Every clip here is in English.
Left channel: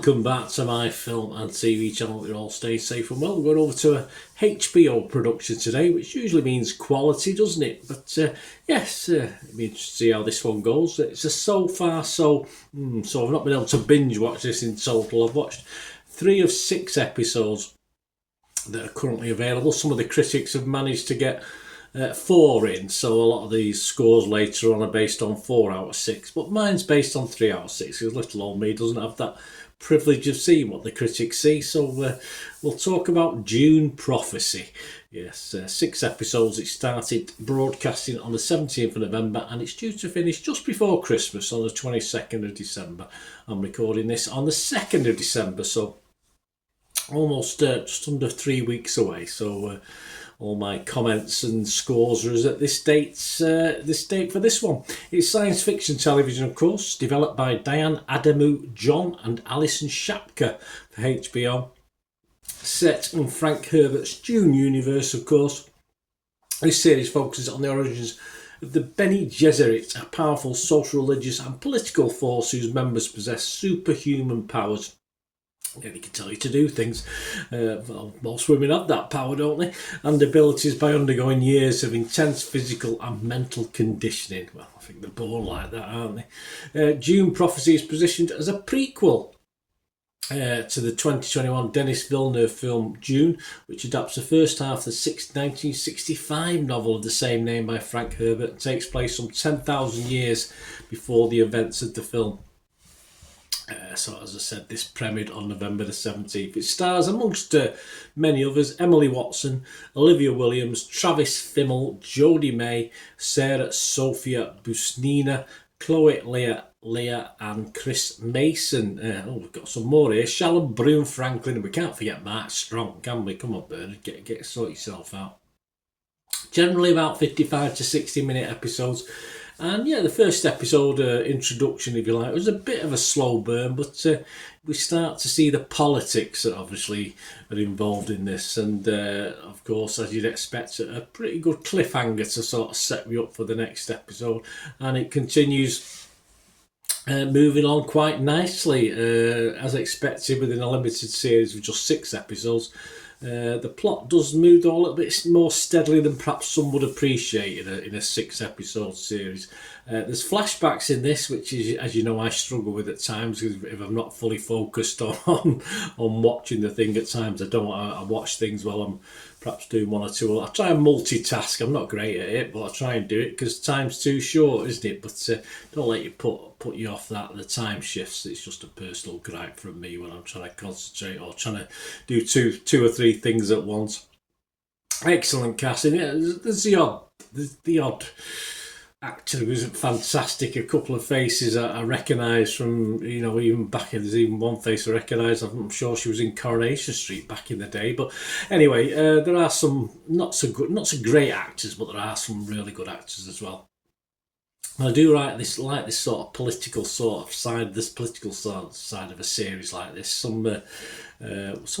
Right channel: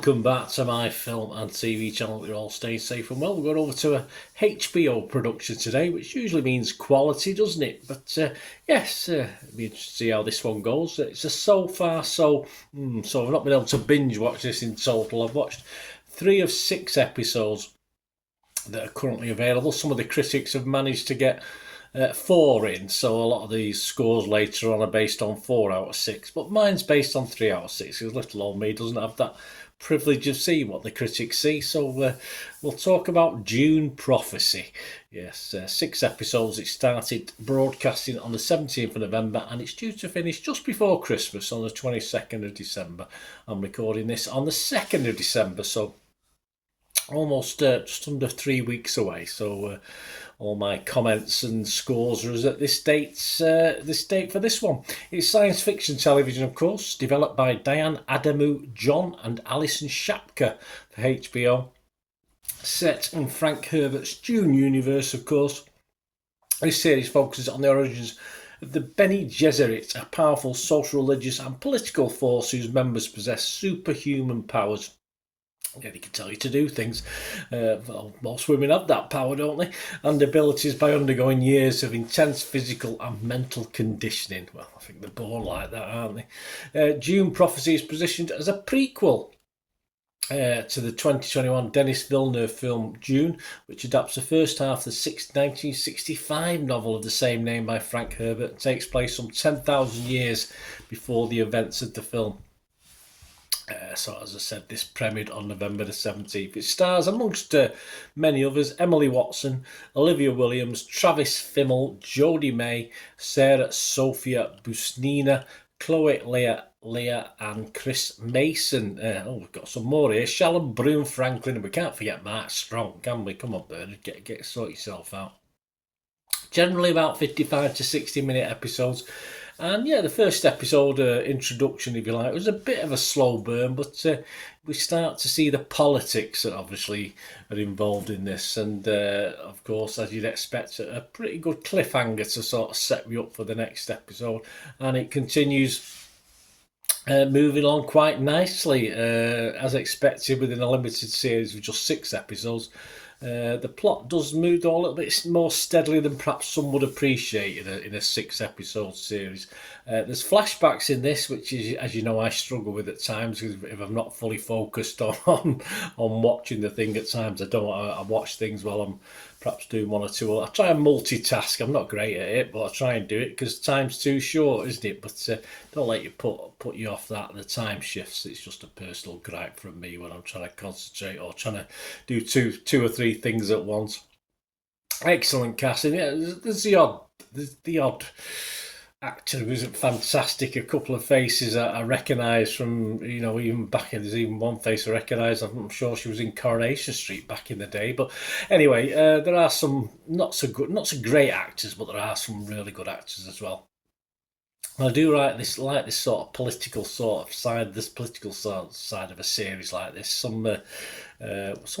Welcome back to my film and TV channel. You all stay safe and well. We're going over to a HBO production today, which usually means quality, doesn't it? But yes, it'll be interesting to see how this one goes. It's a so far so I've not been able to binge watch this in total. I've watched 3 of 6 episodes that are currently available. Some of the critics have managed to get 4 in, so a lot of these scores later on are based on 4 out of 6, but mine's based on 3 out of 6 because little old me doesn't have that privilege of seeing what the critics see. So we'll talk about Dune Prophecy. Yes, 6 episodes. It started broadcasting on the 17th of November and it's due to finish just before Christmas on the 22nd of December. I'm recording this on the 2nd of December, so almost just under 3 weeks away. So all my comments and scores are at this date for this one. It's science fiction television, of course, developed by Diane Adamu John and Alison Shapka for HBO. Set in Frank Herbert's Dune universe, of course. This series focuses on the origins of the Bene Gesserit, a powerful social, religious and political force whose members possess superhuman powers. Yeah, they can tell you to do things. Well, most women have that power, don't they? And abilities by undergoing years of intense physical and mental conditioning. Well, I think they're born like that, aren't they? Dune Prophecy is positioned as a prequel to the 2021 Denis Villeneuve film Dune, which adapts the first half of the 1965 novel of the same name by Frank Herbert and takes place some 10,000 years before the events of the film. So as I said, this premiered on November the 17th. It stars, amongst many others, Emily Watson, Olivia Williams, Travis Fimmel, Jodie May, Sarah Sophia Busnina, Chloe Leah and Chris Mason. We've got some more here. Shalom Broom Franklin, and we can't forget Mark Strong, can we? Come on, Bernard, sort yourself out. Generally about 55 to 60 minute episodes. And yeah, the first episode, introduction if you like, was a bit of a slow burn, but we start to see the politics that obviously are involved in this. And of course, as you'd expect, a pretty good cliffhanger to sort of set me up for the next episode. And it continues moving on quite nicely, as expected within a limited series of just 6 episodes. The plot does move a little bit more steadily than perhaps some would appreciate in a 6-episode series. There's flashbacks in this, which is, as you know, I struggle with at times if I'm not fully focused on watching the thing. At times I watch things while I'm perhaps doing one or two. I try and multitask. I'm not great at it, but I try and do it because time's too short, isn't it? But don't let you put you off that. The time shifts. It's just a personal gripe from me when I'm trying to concentrate or trying to do two or three things at once. Excellent casting. Yeah, there's the odd actor who isn't fantastic. A couple of faces I recognise from, even back in, there's even one face I recognise. I'm sure she was in Coronation Street back in the day. But anyway, there are some not so great actors, but there are some really good actors as well. I do like this sort of political side of a series like this. Some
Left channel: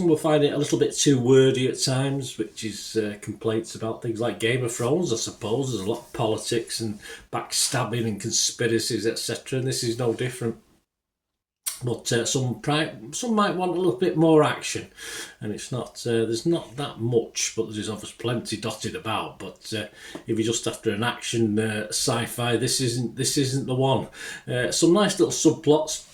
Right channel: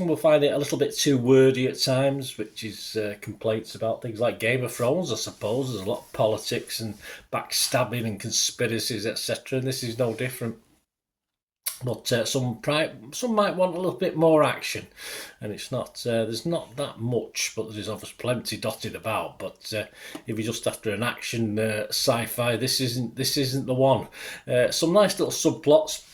will find it a little bit too wordy at times, which is complaints about things like Game of Thrones, I suppose. There's a lot of politics and backstabbing and conspiracies, etc. And this is no different. But some might want a little bit more action, and it's not. There's not that much, but there's obviously plenty dotted about. But if you're just after an action sci-fi, this isn't the one. Some nice little subplots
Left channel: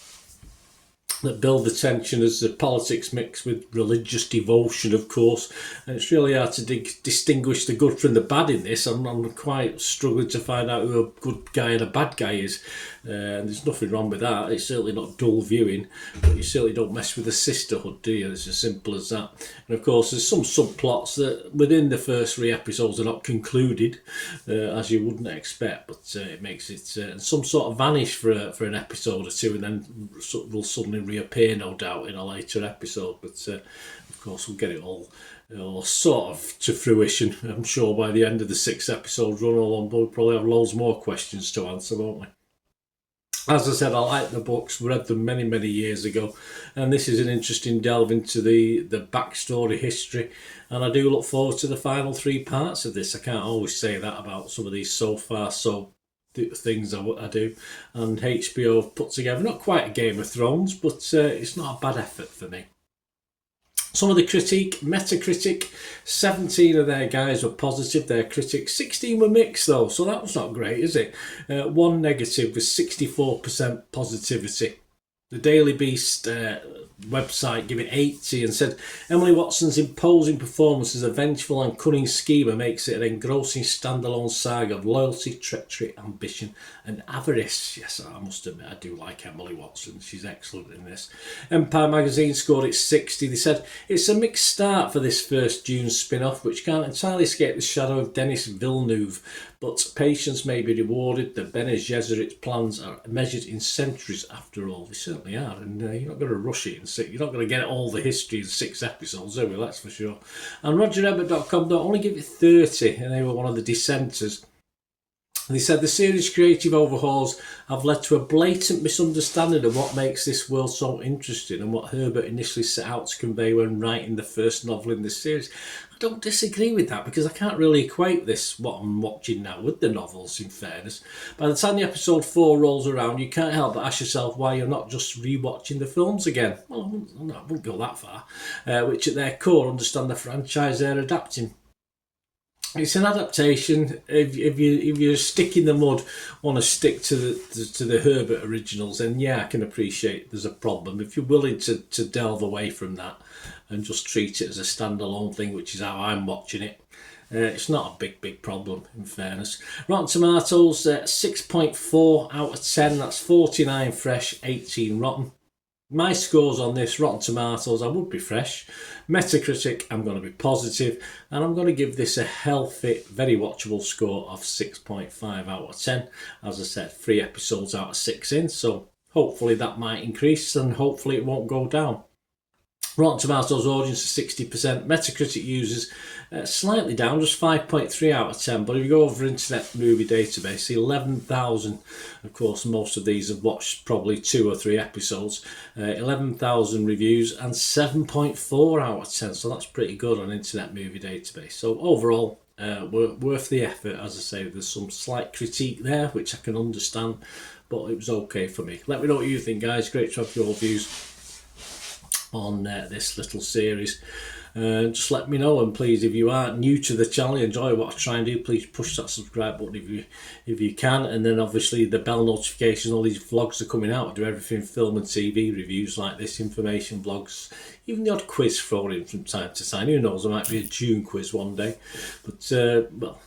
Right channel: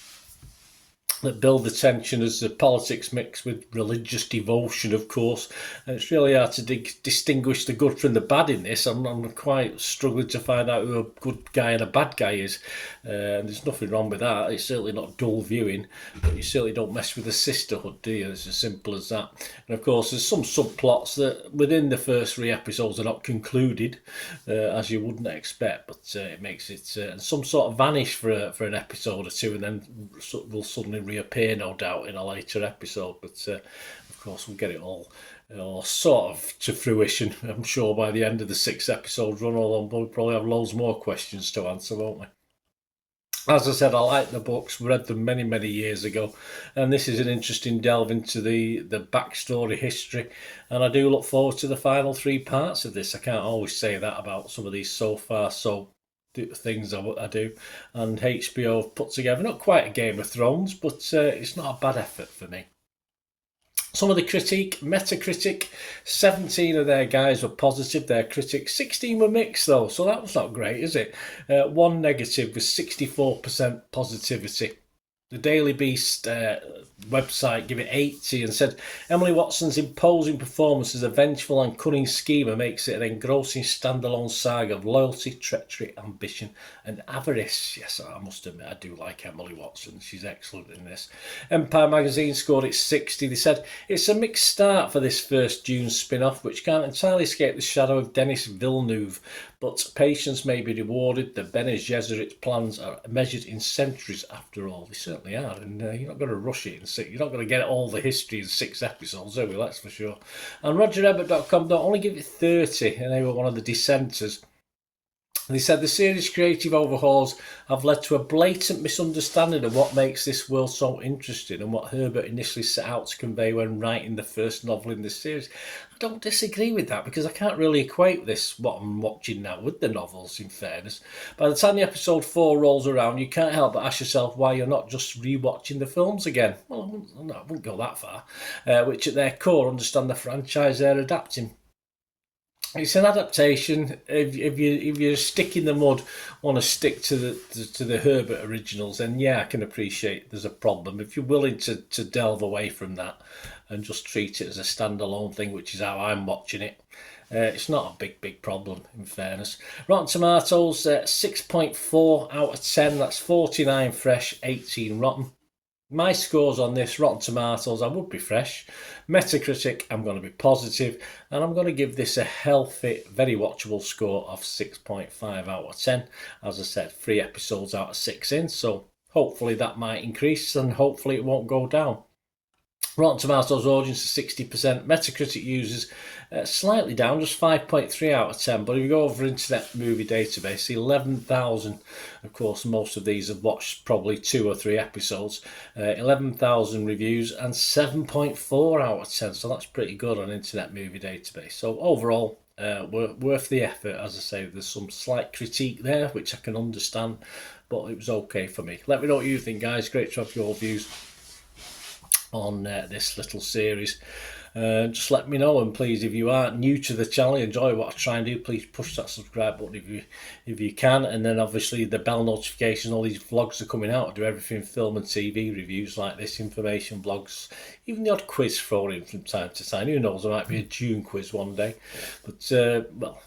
that build the tension as the politics mix with religious devotion, of course. And it's really hard to distinguish the good from the bad in this. I'm quite struggling to find out who a good guy and a bad guy is. And there's nothing wrong with that. It's certainly not dull viewing, but you certainly don't mess with the sisterhood, do you? It's as simple as that. And of course, there's some subplots that within the first 3 episodes are not concluded, as you wouldn't expect, but it makes it, and some sort of vanish for an episode or two, and then will suddenly reappear, no doubt, in a later episode. But of course, we'll get it all sort of to fruition, I'm sure, by the end of the 6 episodes run along. We'll probably have loads more questions to answer, won't we? As I said, I like the books, read them many, many years ago, and this is an interesting delve into the backstory history, and I do look forward to the final 3 parts of this. I can't always say that about some of these so far so things I do, and HBO have put together not quite a Game of Thrones, but it's not a bad effort for me. Some of the critique, Metacritic, 17 of their guys were positive, their critics, 16 were mixed though, so that was not great, is it? One negative was 64% positivity. The Daily Beast website give it 80 and said Emily Watson's imposing performance as a vengeful and cunning schemer makes it an engrossing standalone saga of loyalty, treachery, ambition and avarice. Yes, I must admit I do like Emily Watson, she's excellent in this. Empire magazine scored it 60. They said it's a mixed start for this first Dune spin-off, which can't entirely escape the shadow of Denis Villeneuve, but patience may be rewarded. The Bene Gesserit plans are measured in centuries after all. They certainly are, and you're not going to rush it in six. You're not going to get all the history in 6 episodes, are we? That's for sure. And RogerEbert.com don't only give it 30, and they were one of the dissenters. They said the series' creative overhauls have led to a blatant misunderstanding of what makes this world so interesting and what Herbert initially set out to convey when writing the first novel in this series. I don't disagree with that because I can't really equate this, what I'm watching now, with the novels, in fairness. By the time the episode 4 rolls around, you can't help but ask yourself why you're not just rewatching the films again. Well, no, I wouldn't go that far. Which at their core understand the franchise they're adapting. It's an adaptation. If you stick in the mud, want to stick to the Herbert originals, then yeah, I can appreciate there's a problem. If you're willing to delve away from that and just treat it as a standalone thing, which is how I'm watching it, it's not a big problem, in fairness. Rotten Tomatoes, 6.4 out of 10. That's 49 fresh, 18 rotten. My scores on this, Rotten Tomatoes, I would be fresh. Metacritic, I'm going to be positive, and I'm going to give this a healthy, very watchable score of 6.5 out of 10. As I said, 3 episodes out of 6 in, so hopefully that might increase and hopefully it won't go down. Rotten Tomatoes audience is 60%. Metacritic users slightly down, just 5.3 out of 10. But if you go over Internet Movie Database, 11,000, of course, most of these have watched probably 2 or 3 episodes. 11,000 reviews and 7.4 out of 10. So that's pretty good on Internet Movie Database. So overall, worth the effort. As I say, there's some slight critique there, which I can understand, but it was okay for me. Let me know what you think, guys. Great to have your views on this little series. Just let me know, and please, if you are new to the channel, enjoy what I try and do, please push that subscribe button if you can, and then obviously the bell notifications. All these vlogs are coming out. I do everything film and TV reviews like this, information vlogs, even the odd quiz thrown in from time to time. Who knows, there might be a Dune quiz one day, but well,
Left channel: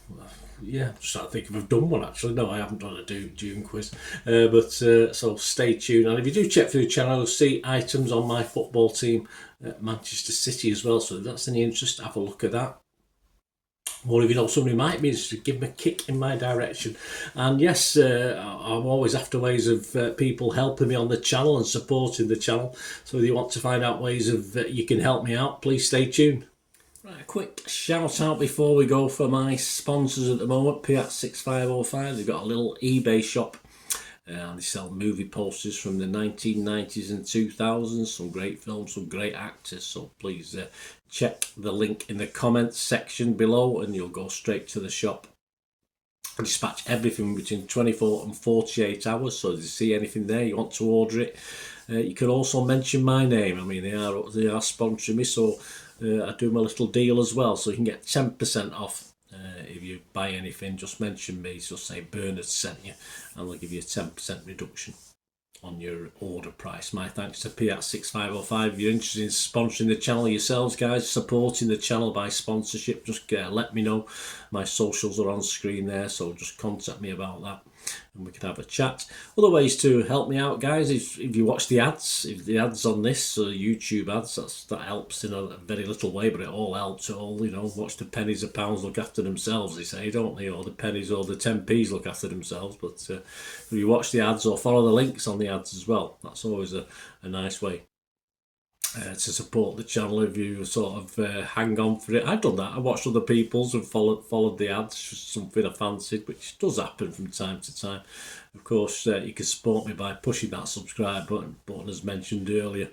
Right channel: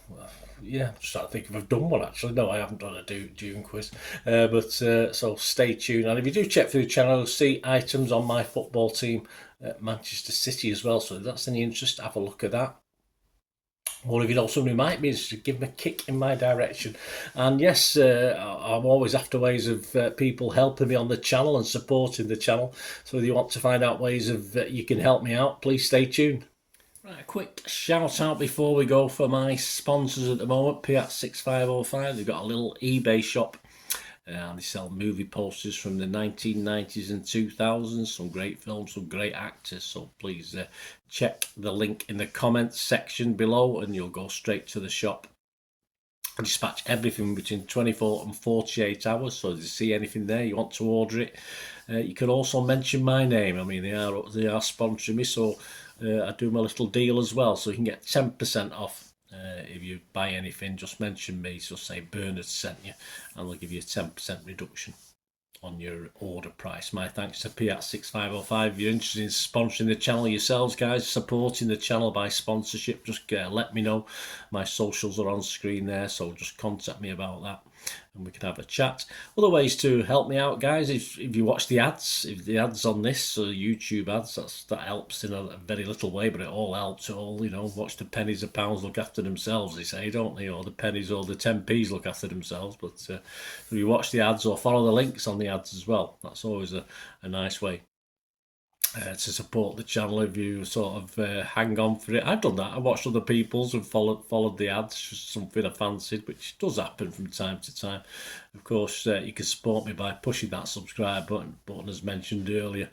yeah, I'm just trying to think if I've done one actually. No, I haven't done a Dune quiz. So stay tuned. And if you do check through the channel, you'll see items on my football team at Manchester City as well. So if that's any interest, have a look at that. Or if you know someone who might be interested, give them a kick in my direction. And yes, I'm always after ways of people helping me on the channel and supporting the channel. So if you want to find out ways of you can help me out, please stay tuned. Right, a quick shout out before we go for my sponsors at the moment. Piat6505, they've got a little eBay shop and they sell movie posters from the 1990s and 2000s, some great films, some great actors, so please check the link in the comments section below and you'll go straight to the shop. I dispatch everything between 24 and 48 hours, so if you see anything there you want to order it, you can also mention my name. I mean, they are sponsoring me, so I do my little deal as well, so you can get 10% off if you buy anything. Just mention me, so say Bernard sent you, and they'll give you a 10% reduction on your order price. My thanks to Piat6505. If you're interested in sponsoring the channel yourselves, guys, supporting the channel by sponsorship, just let me know. My socials are on screen there, so just contact me about that and we can have a chat. Other ways to help me out, guys, if you watch the ads, if the ads on this YouTube ads, that helps in a very little way, but it all helps. It all, you know, watch the pennies and pounds look after themselves, they say, don't they? Or the pennies or the 10p's look after themselves. But if you watch the ads or follow the links on the ads as well, that's always a nice way. to support the channel if you sort of hang on for it. I've done that. I watched other people's and followed the ads, just something I fancied, which does happen from time to time. Of course, you can support me by pushing that subscribe button as mentioned earlier,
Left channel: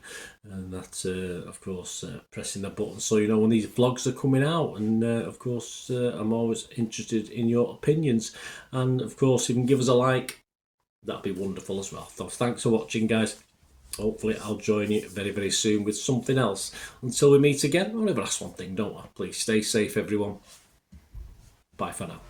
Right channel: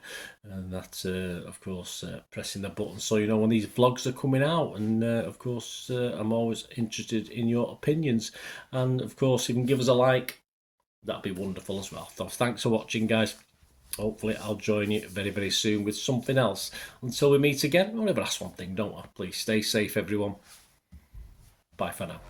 and that, of course, pressing the button so you know when these vlogs are coming out. And of course, I'm always interested in your opinions, and of course, if you can give us a like, that'd be wonderful as well. So thanks for watching, guys. Hopefully I'll join you very, very soon with something else. Until we meet again, I'll never ask one thing, don't I? Please stay safe, everyone. Bye for now.